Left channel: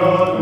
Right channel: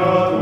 God.